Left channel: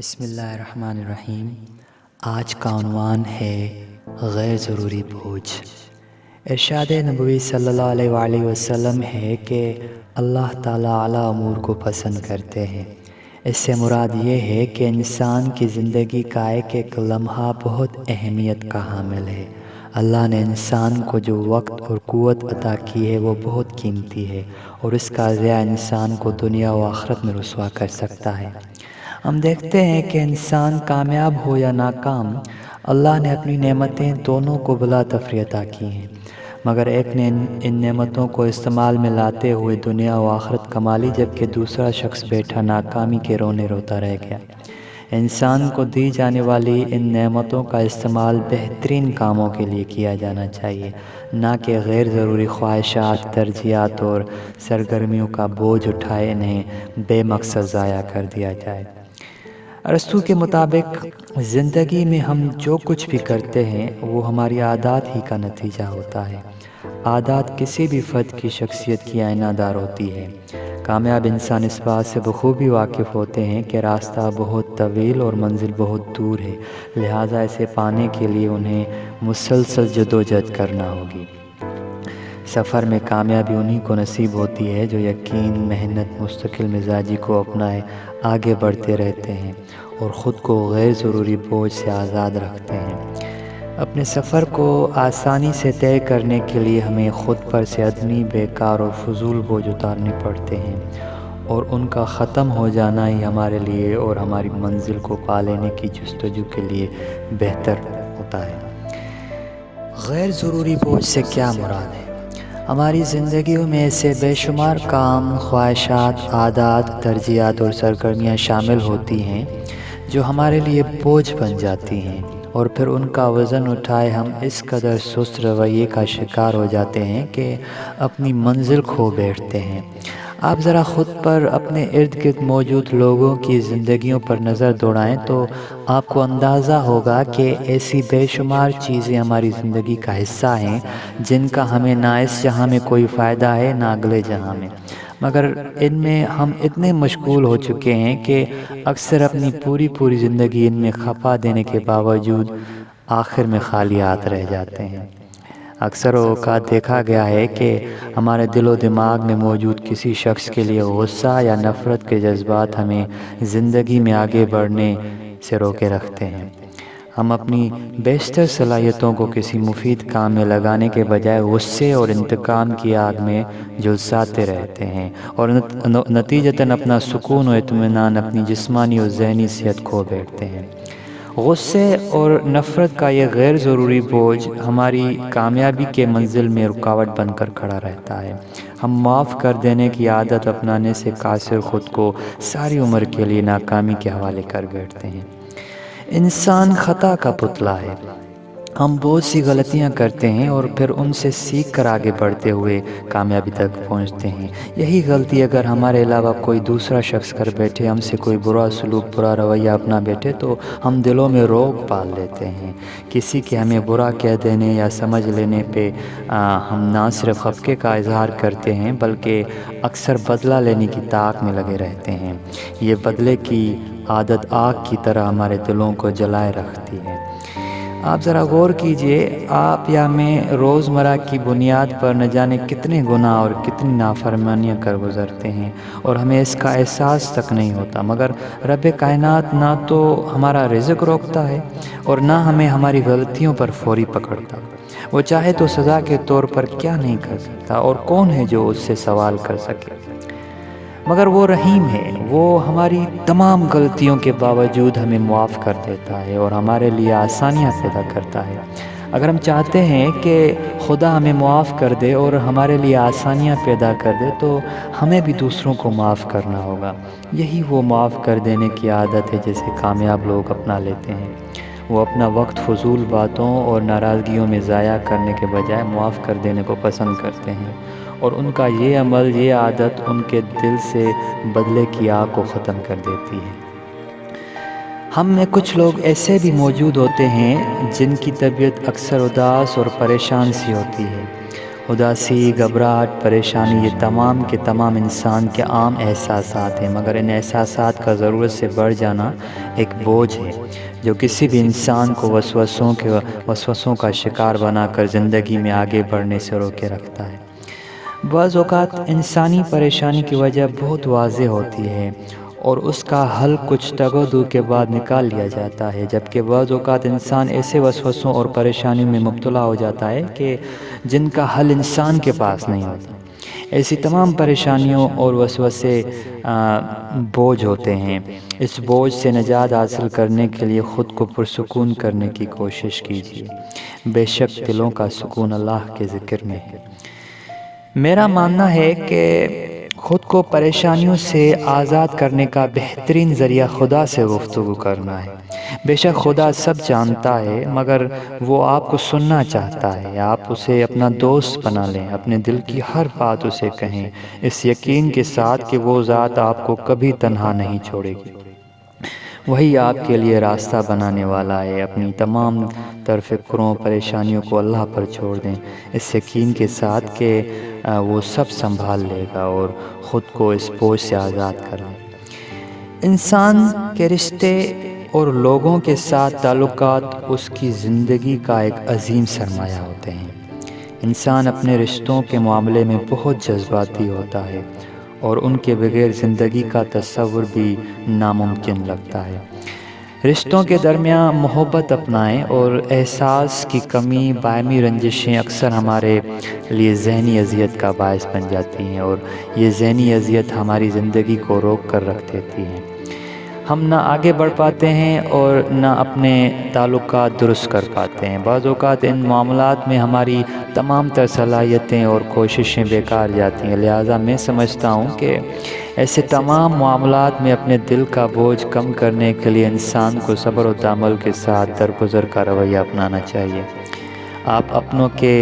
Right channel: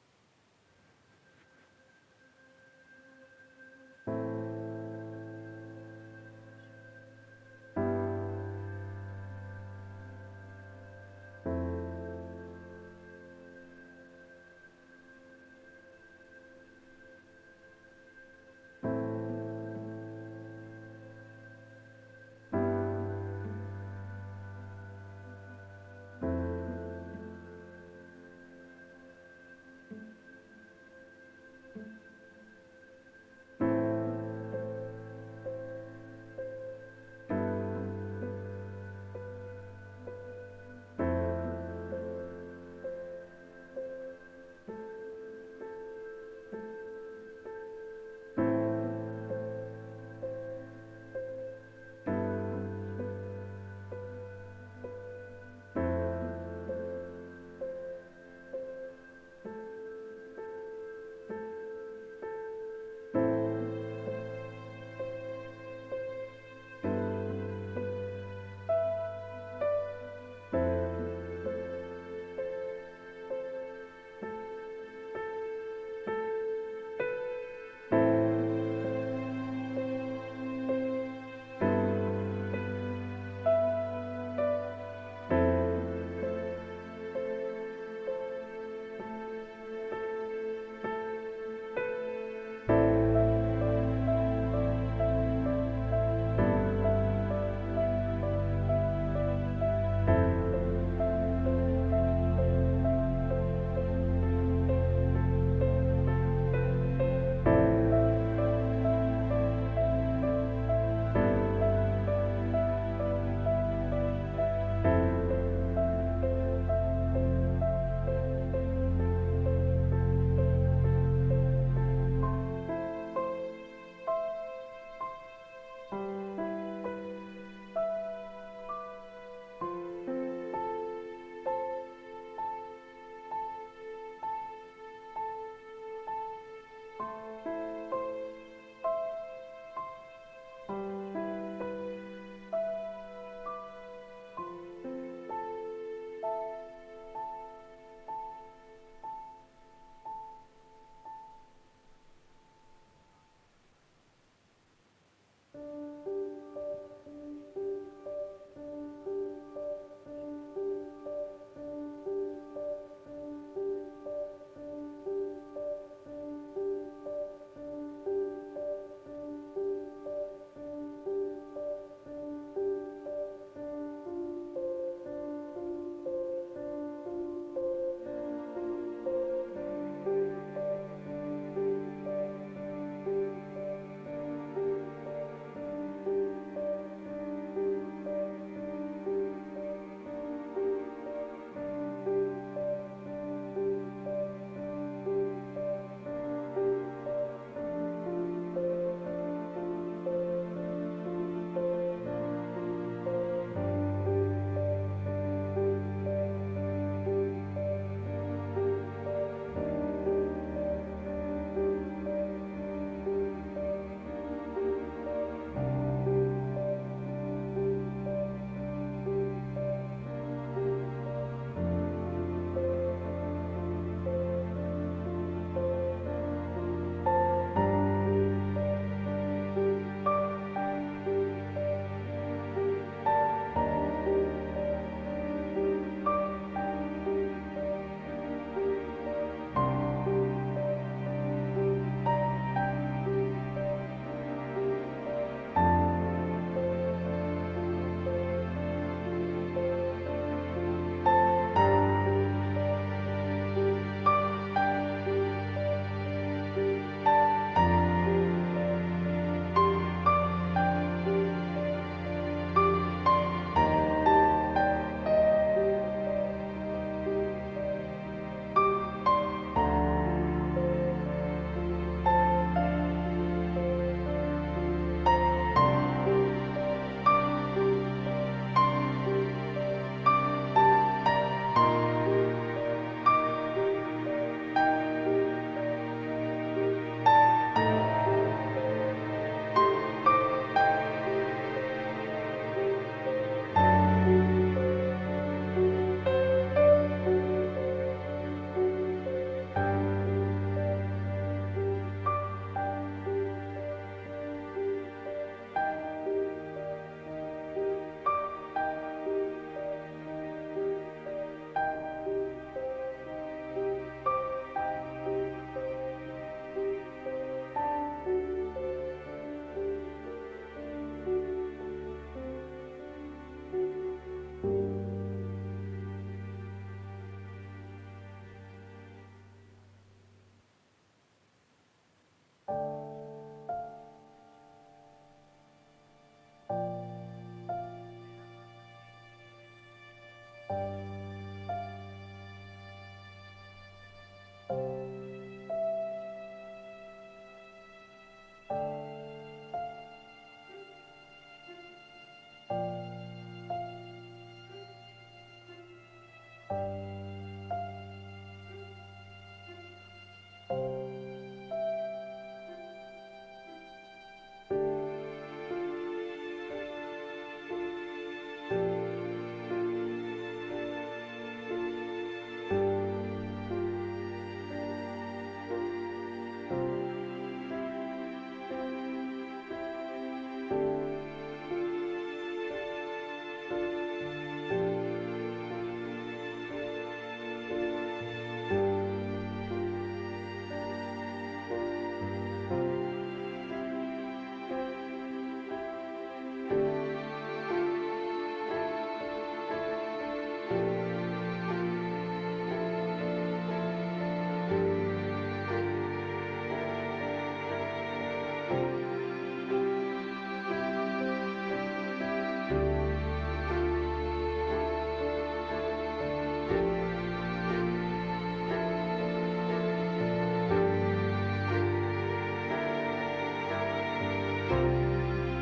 بسم اللہ الرحمن الرحیم۔ آج کا عنوان ہے غیر ضروری بوجھ۔ ارشاد نبوی صلی اللہ علیہ وآلہ وسلم ہے کہ اللہ تعالیٰ اعلیٰ امور کو پسند کرتے ہیں۔ اس سے مراد یہ ہے کہ انسان کی زندگی کا ایک ایک لمحہ بہت اہمیت کا حامل ہے۔ اللہ نے انسان کو جو وقت اور قوت عطا کی ہے وہ بہت قیمتی ہے، اور اس کا ضیاع انسان کو دنیا و آخرت میں رسوا کر سکتا ہے۔ ہم دیکھتے ہیں کہ انسان کامیاب ہو یا ناکام، اللہ نے اپنی نعمتیں دونوں کو بلا تفریق عطا کی ہیں، مگر ایک نے ان نعمتوں کو استعمال میں لاتے ہوئے دنیا و آخرت کما لی، جبکہ دوسرا شخص بیٹھا ناکامی کے رونے روتا رہ گیا۔ انسان کو دی جانے والی ان نعمتوں کا استعمال بہترین کاموں کے لیے کیا جانا چاہیے، نہ کہ غیر ضروری خواہشات، ترجیحات اور سرگرمیوں کا بوجھ اٹھائے انہیں بے مقصد ضائع کر دیا جائے۔ ارسطو کے مطابق زندگی میں ہم جو کچھ بھی کرتے ہیں وہ ہماری عادات ہی کا نتیجہ ہوتا ہے۔ عادات کسی بھی فرد کی شخصیت کی آئینہ دار ہوتی ہے۔ کامیاب انسان اس بات سے بخوبی واقف ہوتے ہیں کہ راستہ بہت طویل اور منزل بہت دور ہے، لہٰذا اسے پانے کے لیے انہیں مسلسل جدوجہد کرنا ہوگی۔ سفر میں کامیابی انہی کو نصیب ہوتی ہے جو یقین، محنت، مستقل مزاجی کو اپنائے آگے بڑھتے رہتے ہیں اور خود کو غیر ضروری بوجھ سے آزاد رکھتے ہیں۔ اپنے سفر کو آسانی سے طے کرنے کے لیے ہمیں خود پر سے عدمی، بیکار اور فضول بوجھ اتارنے پڑتے ہیں، اور ان کا ختم ہو جانا ہی ہمارے لیے اور ہماری منزل کو پا لینے کی جستجو کے لیے بہتر ہوتا ہے۔ غیر ضروری بوجھ سے کیا مراد ہے؟ ہماری زندگیوں میں ایسے بے شمار کام، خواہشات، عادات، ترجیحات اور سرگرمیاں شامل ہوتی ہیں جو ہمارے لیے بوجھ بن جاتی ہیں، اور پھر ان کا وزن اٹھائے ہم اس قدر سست رویے کا شکار ہو جاتے ہیں کہ اپنی منزل کھو بیٹھتے ہیں۔ آپ ذرا خود پر، اپنے ارد گرد موجود لوگوں کی زندگیوں پر نظر دوڑائیں تو آپ کو اندازہ ہوگا کہ ایسی بے شمار چیزیں ہماری زندگی کا حصہ ہیں جن کا ہمیں نہ اس جہاں میں کوئی فائدہ ہے نہ اگلے جہاں میں، مگر ان میں ہم اتنے مشغول ہو چکے ہیں کہ اکثر اپنی پوری زندگی ان میں کھپا دینے کے باوجود آخر میں خالی ہاتھ رہ جاتے ہیں۔ اکثر اوقات دیکھا گیا ہے کہ ہمارے دل و دماغ میں موجود کسی شخص کے لیے غصہ یا نفرت کے جذبات ہمیں زندگی میں آگے بڑھنے سے روکے رکھتے ہیں۔ ہم اپنی بیشتر صلاحیتوں کو کسی مفید کام میں لگانے کے بجائے غصے اور انتقام کی آگ میں جھلساتے رہتے ہیں، اور نتیجتاً اپنا سکون و اطمینان، اپنی جسمانی اور ذہنی صحت کھو بیٹھتے ہیں۔ غصے اور نفرت کا یہ غیر ضروری بوجھ ہماری کامیابی کے منزل میں رکاوٹ بن کر کھڑا رہتا ہے۔ ہم معاف کر دینے کی عادت اپنانے سے قاصر خود کو ساری عمر کے لیے ناکامی کے حوالے کر بیٹھتے ہیں۔ انسان خطا کا پتلا ہے۔ ہم بہت سی غلطیاں کرتے ہیں اور پھر ان سے سیکھ کر آگے بڑھتے ہوئے کامیابی تک پہنچتے ہیں۔ یہی غلطی اگر ہمارے علاوہ کوئی دوسرا شخص کر بیٹھے، ہم سے کوئی برا سلوک، برا رویہ اپنا بیٹھے، تو ہم دلوں میں روک پال لیتے ہیں۔ کسی کے ہمیں برا کہہ دینے یا سمجھ لینے پہ ہم نہ صرف خفقے کا اظہار کرتے ہیں بلکہ اکثر بدلہ لینے کی طاق میں لگے رہتے ہیں۔ یہ بدلے کی عادت آگ کی طرح ہمارے دلوں کو جلائے رکھتی ہے۔ آپ ذرا غور کیجئے، آپ یا میں روزمرہ کی بنیاد پر نہ جانے کتنے گناہ اور کتنی نافرمانیاں کر گزرتے ہیں، اور ہمیں اس کا احساس تک نہیں ہوتا، مگر رب کائنات نہ تو ہمارا رزق روکتا ہے اور نہ ہمیں ہماری غلطیوں پر فوری پکڑتا۔ وہ چاہے تو سزا کے طور پر کیا نہیں کر سکتا، اور کون ہے جو اس سے سوال کر سکے؟ مگر وہ رحیم ہے، وہ ہماری تمام غلطیوں کے باوجود ہمیں معاف کر دیتا ہے اور ہمارے لیے آسانیاں پیدا کرتا ہے۔ اگر ہم چاہتے ہیں کہ خدا ہمیں معاف کر دے اور ہمارے لیے آسانیاں پیدا کر دے تو ہمیں بھی دوسروں کو معاف کرنا ہوگا۔ یہی وہ معاف کر دینے کی عادت ہے جسے کامیاب لوگ اپنا لیتے ہیں۔ وہ اپنا وقت فضول باتوں اور ناراضگیوں میں ضائع کرنے کے بجائے معاف کر دینے کو پسند کرتے ہیں، اور ان کا یہ عمل، یہ عادت ان کے دل سے بدلے کی آگ کو ختم کر دیتی ہے۔ ہم میں کچھ لوگ ایسے بھی موجود ہوتے ہیں جن کی طبیعت اکثر اداس اور پریشان سی ہوتی ہے۔ اداسی، گھبراہٹ، پریشانی، یہ تمام کے تمام انسان کے عام احساسات ہیں، مگر ان احساسات کا ضرورت سے بڑھ جانا ایک بوجھ ہے جو کسی بھی انسان کو وسوسوں کا شکار بنا کر زندگی میں آگے بڑھنے سے روکے رکھتا ہے۔ بعض اوقات انسانی پریشانی کی وجہ بہت واضح ہوتی ہے اور اس کا حل کچھ تگ و دو کے بعد نکال لیا جاتا ہے، جبکہ بعض اوقات انسان ایسے وسوسوں اور پریشانیوں میں مبتلا ہو جاتا ہے کہ جن کا حل انسان کے پاس نہیں ہوتا۔ ایسی تمام پریشانیوں اور وسوسے بوجھ ہوتے ہیں۔ اس بوجھ سے نجات حاصل کرنے کے لیے خود کو پرسکون کرنے کی کوشش کیجیے۔ بے شک دلوں کا سکون اللہ کے ذکر میں ہے۔ میرا ماننا ہے کہ خود کو پریشانیوں سے آزاد کرنے کا بہترین ذریعہ خدا سے گفتگو کرنا ہے۔ بے شک خدا سب جانتا ہے، مگر وہ آپ کو سننا چاہتا ہے۔ آپ اسے اپنا دوست بنا لیں، اپنے دل کی ہر بات اسے کہیں، اس یقین کے ساتھ کہ وہ ذات آپ کو کبھی تنہا نہیں چھوڑے گی۔ وہی آپ کے لیے راستہ بنانے والا ہے۔ اپنی تمام تر فکروں، پریشانیوں کو اللہ پر چھوڑ دیں، اس یقین کے ساتھ کہ وہ سب سنبھال لے گا اور خود کو اس بوجھ سے آزاد کر لیں۔ انسان کے رشتے اور لوگوں کے ساتھ تعلقات اس کی زندگی کا ایک عظیم سرمایہ ہوتے ہیں۔ انسان اپنے رشتوں کے معاملے میں بہت جذباتی ہوتا ہے اور ان کے بغیر زندگی کا تصور بھی ناممکن لگتا ہے۔ رشتوں کے درمیان محبت اپنائیں اور احساس کی کمی، باہمی رنجشیں اکثر ہمارے لیے ذہنی اذیت کا باعث بن جاتی ہیں، اور یہ ذہنی اذیت ہماری زندگی کو روک کر رکھ دیتی ہیں۔ ہم نہ آگے بڑھ پاتے ہیں اور نہ اپنے تعلقات درست کر پاتے ہیں۔ بعض اوقات ان معاملات میں ہماری تمام تر صلاحیتیں اور کوششیں بیکار جاتی ہیں۔ لہٰذا میں سمجھتا ہوں کہ ایسے تمام معاملات میں اپنے دل کا بوجھ کم کرنے کے لیے انسان کو صبر و تحمل کے ساتھ درگزر کا رویہ اپنانا چاہیے۔ آپ اپنوں کے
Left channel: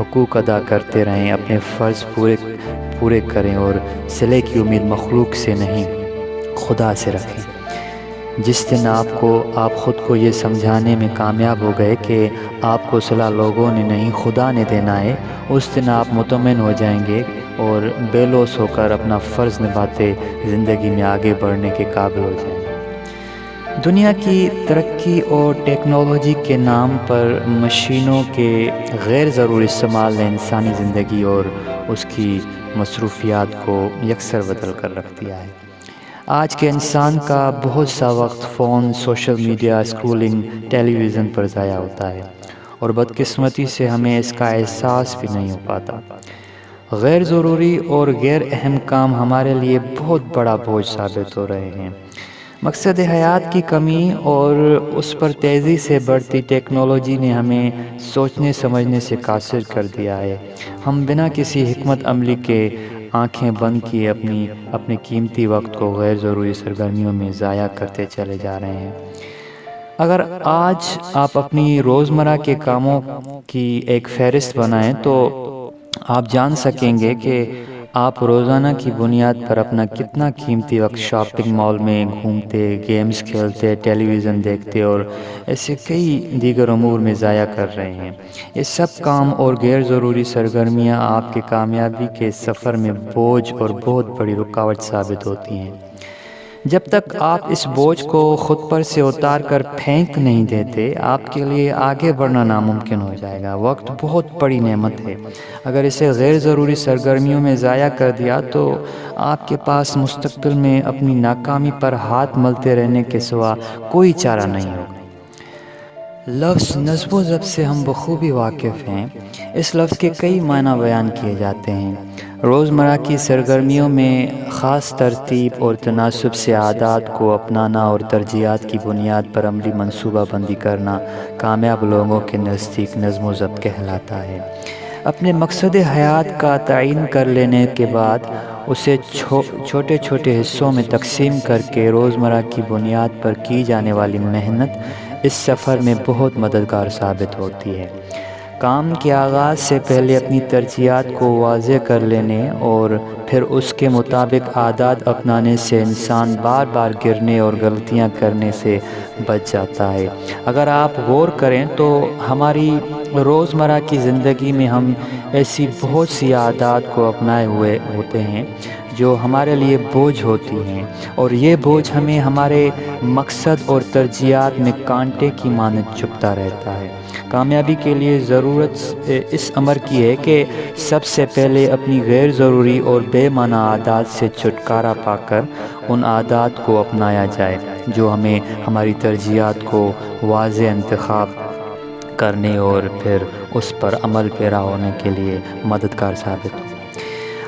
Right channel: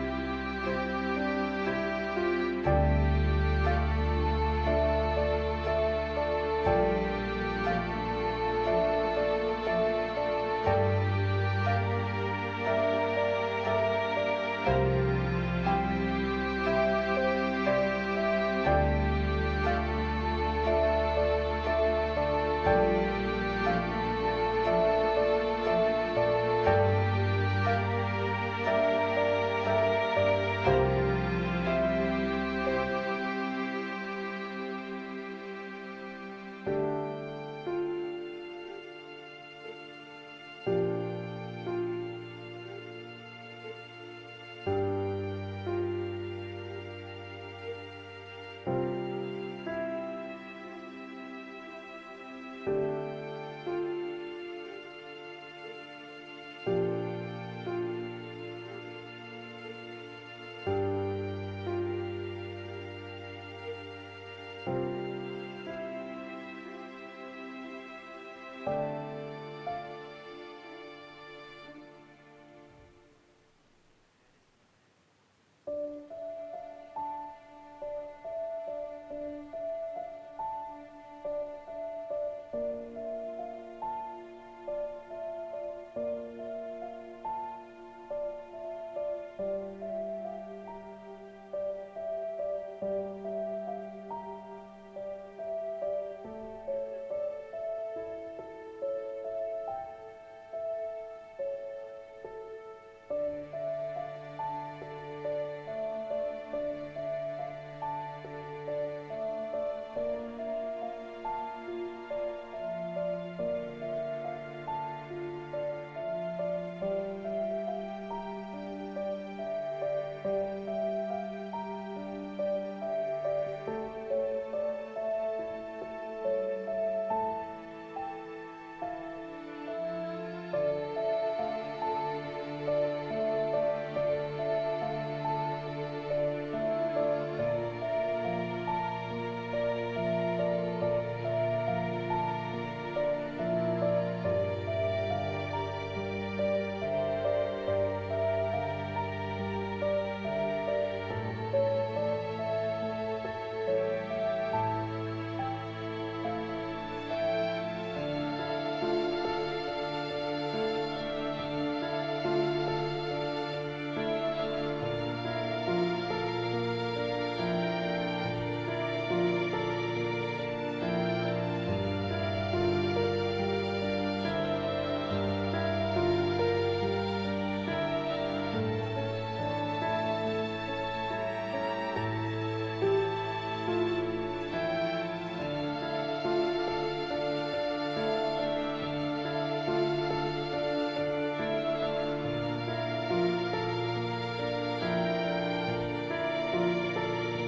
حقوق ادا کرتے رہیں، اپنے فرض پورے کریں اور صلے کی امید مخلوق سے نہیں خدا سے رکھیں۔ جس دن آپ خود کو یہ سمجھانے میں کامیاب ہو گئے کہ آپ کو صلہ لوگوں نے نہیں خدا نے دینا ہے، اس دن آپ مطمئن ہو جائیں گے اور بے لوث ہو کر اپنا فرض نبھاتے زندگی میں آگے بڑھنے کے قابل ہو جائیں گے۔ دنیا کی ترقی اور ٹیکنالوجی کے نام پر مشینوں کے غیر ضروری استعمال نے انسانی زندگی اور اس کی مصروفیات کو یکسر بدل کر رکھ دیا ہے۔ آج کے انسان کا بہت سا وقت فون، سوشل میڈیا، اسکرولنگ، ٹیلی ویژن پر ضائع ہوتا ہے، اور بدقسمتی سے ہمیں اس کا احساس بھی نہیں ہو پاتا۔ غیر ضروری اور غیر اہم کام ہمارے لیے بہت بڑا بوجھ ثابت ہو رہے ہیں۔ مقصد حیات کی کمی اور اس پر تیزی سے بڑھتی ٹیکنالوجی نے ہمیں سوچنے سمجھنے سے قاصر کر دیا ہے۔ ہم بنا کسی حکمت عملی کے آنکھیں بند کیے اپنے قیمتی وقت کو غیر ضروری سرگرمیوں میں ضائع کرتے چلے جا رہے ہیں۔ اگر آج آپ اپنی روزمرہ کے کاموں کی ایک فہرست بنائیں تو آپ جان سکیں گے کہ آپ روزانہ کی بنیاد پر اپنا کتنا قیمتی وقت شاپنگ مال میں گھومتے، گیمز کھیلتے، ٹیلی ویژن دیکھتے اور ایسے کئی دیگر امور میں ضائع کر رہے ہیں۔ یہ سب کام اور غیر ضروری سرگرمیاں آپ کے کامیابی کے سفر میں بوجھ اور بہت بڑی رکاوٹ ثابت ہوتی ہیں۔ جب تک آپ اس بوجھ کو خود پر سے اتار کر پھینک نہیں دیتے، آپ کے لیے آگے بڑھنا ناممکن ہو جائے گا۔ وقت بہت بڑی نعمت ہے۔ اگر اسے غیر ضروری سرگرمیوں میں ضائع کر دیا تو آپ کے پاس مستقبل میں اپنی ناکامی پر ہاتھ ملتے رہنے کے سوا کوئی چارہ نہیں ہوگا۔ لفظ نظم و ضبط سے ہم بخوبی واقف ہیں۔ اس لفظ کے کئی معنی بیان کیے جاتے ہیں۔ روزمرہ کی سرگرمیوں میں خاص ترتیب اور تناسب سے عادات کو اپنانا اور ترجیحات کی بنیاد پر عملی منصوبہ بندی کرنا کامیاب لوگوں کے نزدیک نظم و ضبط کہلاتا ہے۔ اپنے مقصد حیات کا تعین کر لینے کے بعد اسے چھوٹے چھوٹے حصوں میں تقسیم کر کے روزمرہ کی بنیاد پر کی جانے والی محنت اس سفر میں بہت مددگار ثابت ہوتی ہے۔ کام کے آغاز سے پہلے اپنی ترجیحات کو واضح کر لینے اور پھر اس کے مطابق عادات اپنانے سے انسان بار بار گرنے اور غلطیاں کرنے سے بچ جاتا ہے۔ اگر آپ غور کریں تو ہماری روزمرہ کی زندگی میں ہم ایسی بہت سی عادات کو اپنائے ہوئے ہوتے ہیں جو ہمارے لیے بوجھ ہوتی ہیں، اور یہ بوجھ ہمیں ہمارے مقصد اور ترجیحات میں کانٹے کی مانند چبھتا رہتا ہے۔ کامیابی کے لیے ضرورت اس امر کی ہے کہ سب سے پہلے اپنی غیر ضروری اور بے معنی عادات سے چھٹکارا پا کر ان عادات کو اپنایا جائے جو ہمیں ہماری ترجیحات کو واضح انتخاب کرنے اور پھر اس پر عمل پیرا ہونے کے لیے مددگار ثابت ہو۔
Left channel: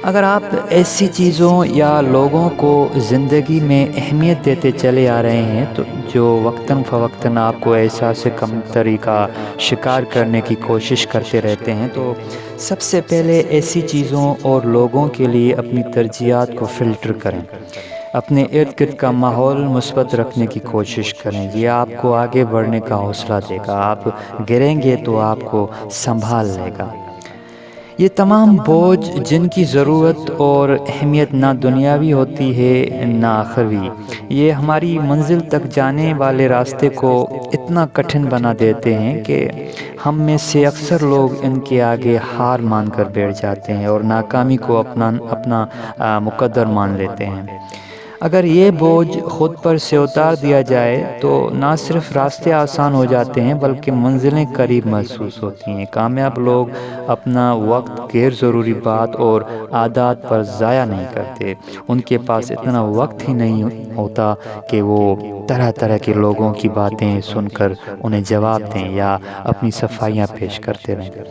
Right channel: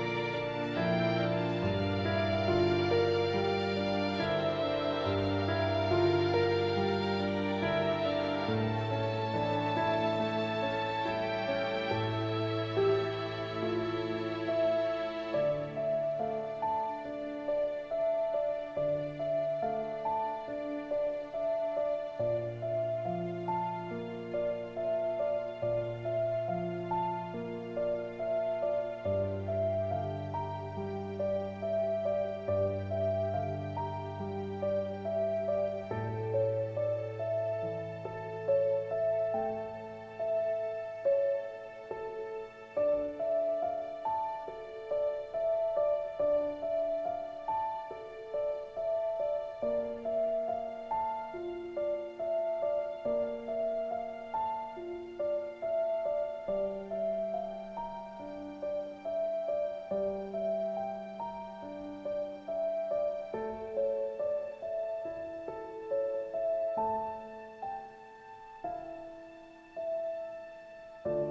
اگر آپ ایسی چیزوں یا لوگوں کو زندگی میں اہمیت دیتے چلے آ رہے ہیں تو جو وقتاً فوقتاً آپ کو احساس کمتری کا شکار کرنے کی کوشش کرتے رہتے ہیں، تو سب سے پہلے ایسی چیزوں اور لوگوں کے لیے اپنی ترجیحات کو فلٹر کریں۔ اپنے ارد گرد کا ماحول مثبت رکھنے کی کوشش کریں، یہ آپ کو آگے بڑھنے کا حوصلہ دے گا۔ آپ گریں گے تو آپ کو سنبھال لے گا۔ یہ تمام بوجھ جن کی ضرورت اور اہمیت نہ دنیاوی ہوتی ہے نہ آخروی، یہ ہماری منزل تک جانے والے راستے کو اتنا کٹھن بنا دیتے ہیں کہ ہم میں سے اکثر لوگ ان کے آگے ہار مان کر بیٹھ جاتے ہیں اور ناکامی کو اپنا مقدر مان لیتے ہیں۔ اگر یہ بوجھ خود پر سے اتار دیا جائے تو نہ صرف راستے آسان ہو جاتے ہیں بلکہ منزلیں قریب محسوس ہوتی ہیں۔ کامیاب لوگ اپنا وقت غیر ضروری بات اور عادات پر ضائع نہیں کرتے۔ ان کے پاس اتنا وقت ہی نہیں ہوتا کہ وہ طرح طرح کے لوگوں کی باتیں سن کر انہیں جواب دیں یا اپنی صفائیاں پیش کرتے رہیں۔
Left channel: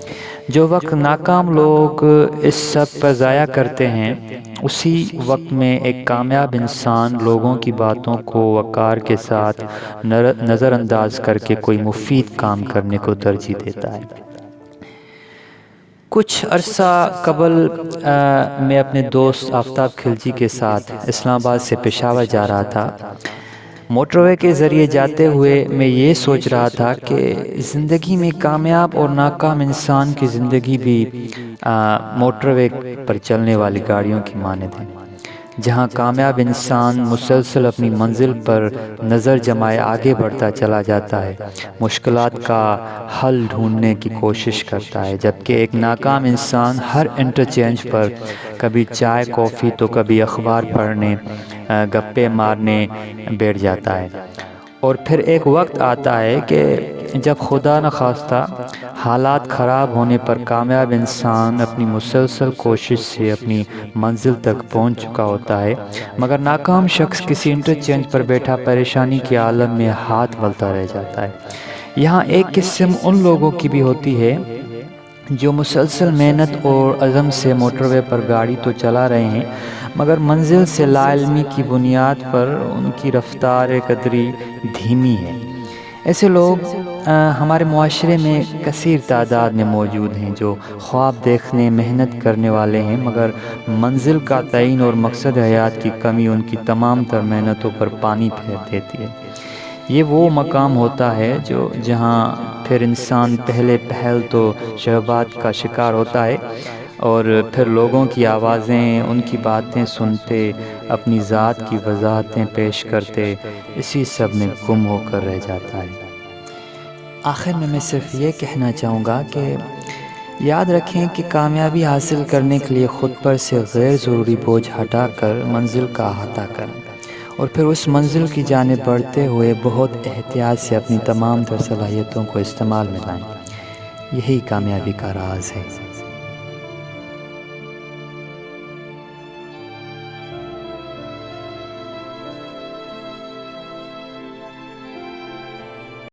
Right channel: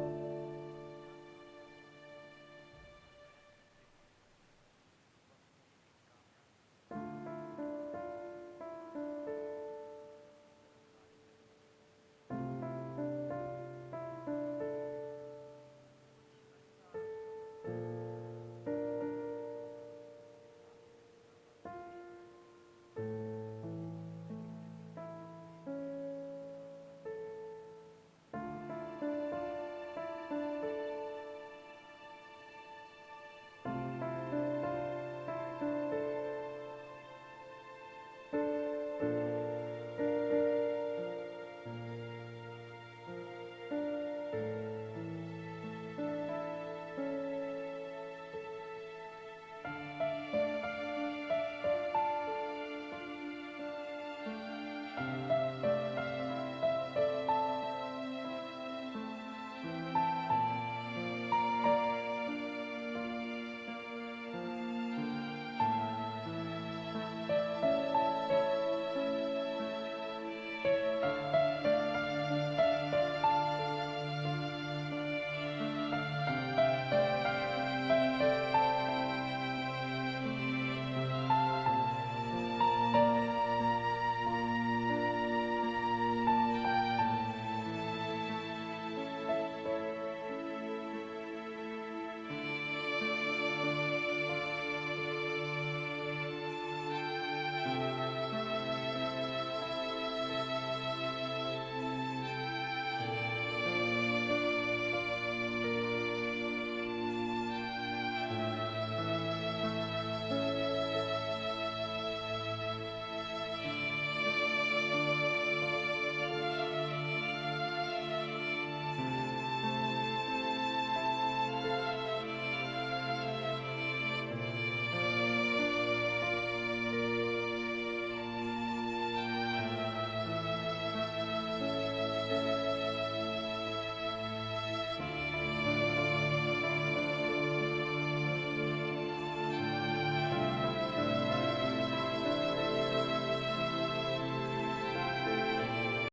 جو وقت ناکام لوگ اس سب پر ضائع کرتے ہیں، اسی وقت میں ایک کامیاب انسان لوگوں کی باتوں کو وقار کے ساتھ نظر انداز کر کے کوئی مفید کام کرنے کو ترجیح دیتا ہے۔ کچھ عرصہ قبل میں اپنے دوست آفتاب خلجی کے ساتھ اسلام آباد سے پشاور جا رہا تھا۔ موٹر وے کے ذریعے جاتے ہوئے میں یہ سوچ رہا تھا کہ زندگی میں کامیاب اور ناکام انسان کی زندگی بھی موٹر وے پر چلنے والی گاڑیوں کی مانند ہے، جہاں کامیاب انسان مسلسل اپنی منزل پر نظر جمائے آگے بڑھتا چلا جاتا ہے، مشکلات کا حل ڈھونڈنے کی کوشش کرتا ہے، جبکہ ایک ناکام انسان ہر انٹرچینج پر کبھی چائے کافی تو کبھی اخبار پڑھنے گپے مارنے بیٹھ جاتا ہے۔ اور پھر ایک وقت آتا ہے کہ جب خدا نخواستہ حالات خراب ہونے پر کامیاب انسان اپنی مسلسل کوشش سے اپنی منزل تک پہنچ چکا ہوتا ہے، مگر ناکام شخص کسی انٹرچینج پر بیٹھا پریشانی کے عالم میں ہاتھ ملتا رہ جاتا ہے۔ یہاں ایک قسم ان لوگوں کی بھی ہوتی ہے جو مسلسل محنت اور عزم سے موٹر وے پر گاڑی تو چلا رہے ہیں، مگر منزل سے لا علمی کی بنیاد پر ان کی رفتار قدری دھیمی ہے۔ ایسے لوگ ہمارے معاشرے میں کثیر تعداد میں موجود ہیں جو خواب دیکھنے محنت کرنے والے ہیں، مگر منزل کا تعین اور مقصد حیات کی کمی ان کی تمام تر محنتوں پر پانی پھیر دیتی ہے۔ یہ وہ مقام ہوتا ہے جہاں پھر انسان پہلے پہل تو شہوات کا شکار ہوتا ہے اور پھر لوگوں کی آوازیں، ان کی باتیں سنتے، اپنی ذات کی وضاحتیں پیش کرتے، اسی سب میں گم ہو کر رہ جاتا ہے۔ آخر میں صرف یہ کہنا چاہوں گا کہ یاد رکھیں کہ کامیابی حاصل کرنے کے لیے خود پر سے غیر ضروری بوجھ ہٹا کر منزل کا احاطہ کریں اور پھر اس منزل کی جانب بڑھتے ہوئے بہت احتیاط سے اپنی تمام تر صلاحیتوں کو استعمال میں لائیں۔ یہی کامیابی کا راز ہے۔